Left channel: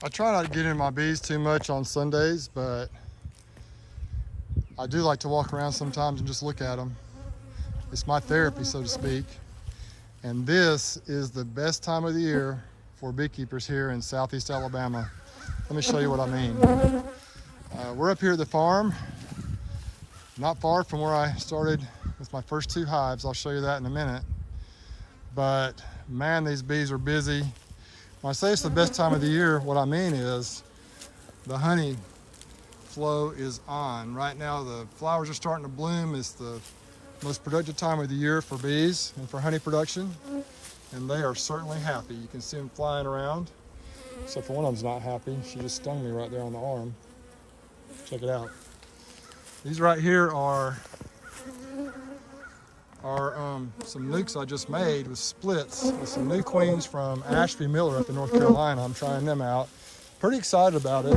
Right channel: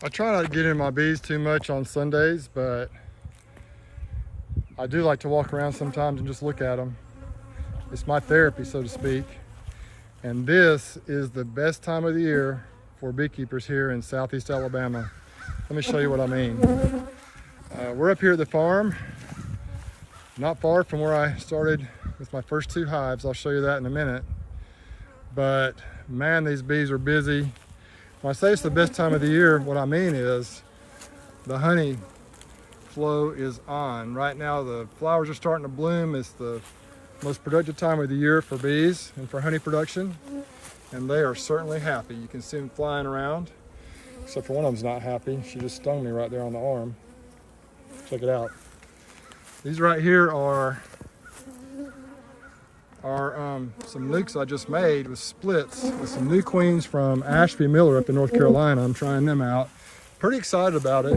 I try not to get in my bees too much on Sundays, but I do like to walk around sometimes and just look at them. It's my therapy, so to speak. And this is the best time of the year for beekeepers here in Southeast Alabama. Let me show you what I mean. We're up here at the farm, not far from where I started with my first 2 hives. I'll show you that in a minute. But man, these bees are busy. When I say it's the best time of the year, what I mean is the honey flow is on. Right now the flowers are starting to bloom. It's the most productive time of the year for bees and for honey production. And they are certainly happy. You can see them flying around. Except for one of them's not happy. She just stung me right there on the arm. Check it out. These right here are some nukes I just made with splits with some new queens from Ashby Miller up in North Carolina. I'm trying them out. Pretty excited about it.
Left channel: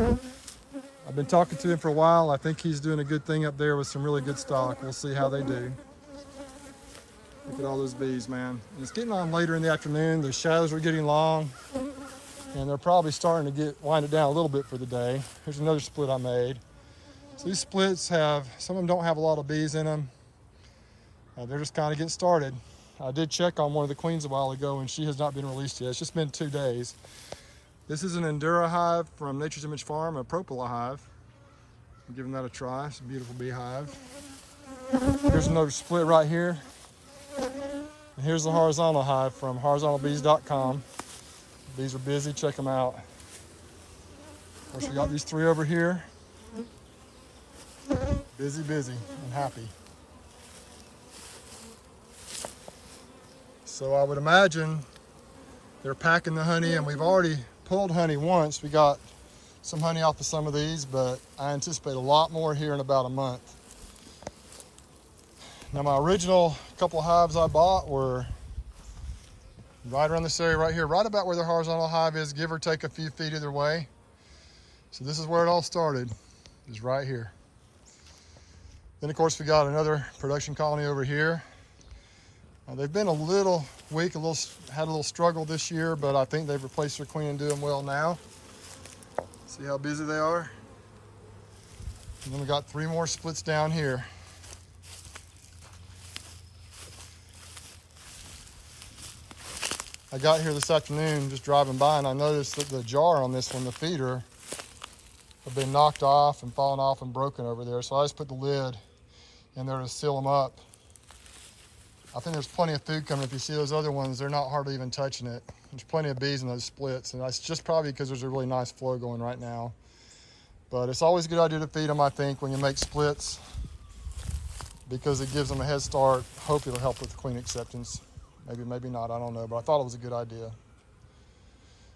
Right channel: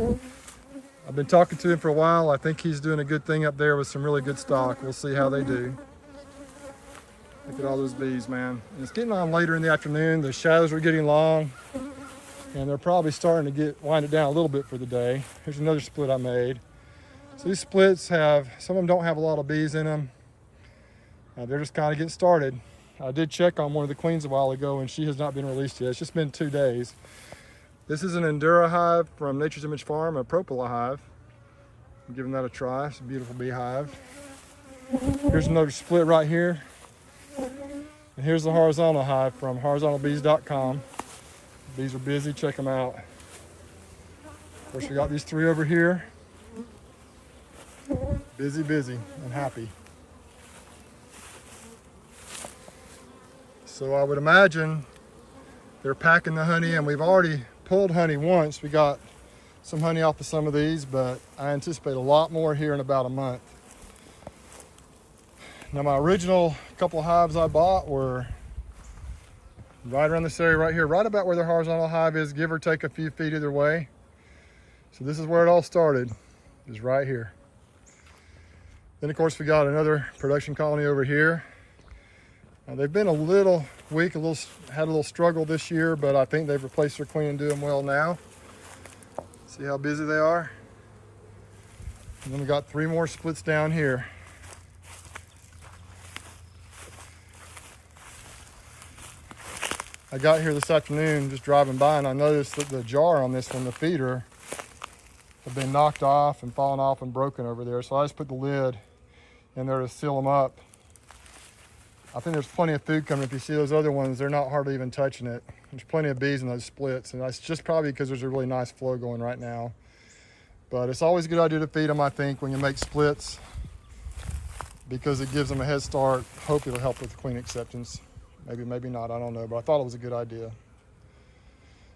I've been talking to him for a while. I think he's doing a good thing up there with some really good stock. We'll see how they do. Look at all those bees, man. And it's getting on later in the afternoon. The shadows are getting long, and they're probably starting to wind it down a little bit for the day. Here's another split I made. So these splits some of them don't have a lot of bees in them. They're just kind of getting started. I did check on one of the queens a while ago, and she has not been released yet. It's just been 2 days. This is an Endura hive from Nature's Image Farm, a propola hive. I'm giving that a try. It's a beautiful beehive. Here's another split right here. And here's the horizontal hive from horizontalbees.com. Bees are busy, check them out. Of course, we got these 3 over here. Busy, busy, and happy. So I would imagine they're packing the honey, and we've already pulled honey once. We got some honey off of some of these, but I anticipate a lot more here in about a month. Now my original couple of hives I bought were right around this area right here, right about where the horizontal hive is, give or take a few feet either way. So this is where it all started, is right here. Then of course we got another production colony over here. They've been a little weak, had a little struggle this year, but I think they've replaced their queen and doing well now. See how busy they are? And then we got 3 more splits down here. I got here this afternoon just driving by, and I noticed that the jar on this one, the feeder, have been knocked off and fallen off and broken over there. So I just put the lid in there to seal them up. I think there's plenty of food coming. If you see those other ones, they're not hardly even touching it. There's plenty of bees in those splits, and that's just probably because there's a really nice flow going right now. But it's always a good idea to feed them, I think, when you make splits, because it gives them a head start. Hope it'll help with queen acceptance. Maybe, maybe not, I don't know, but I thought it was a good idea.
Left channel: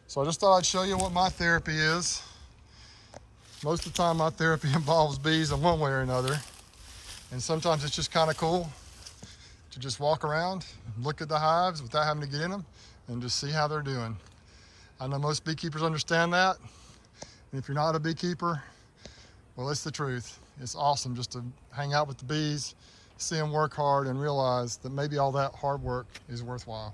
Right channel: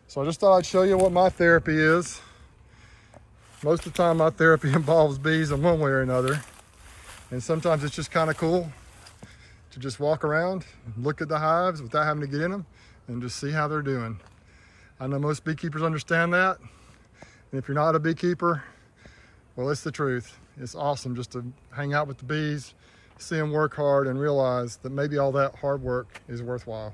So I just thought I'd show you what my therapy is. Most of the time my therapy involves bees in one way or another. And sometimes it's just kind of cool to just walk around, look at the hives without having to get in them, and just see how they're doing. I know most beekeepers understand that. And if you're not a beekeeper, well, it's the truth. It's awesome just to hang out with the bees, see them work hard, and realize that maybe all that hard work is worthwhile.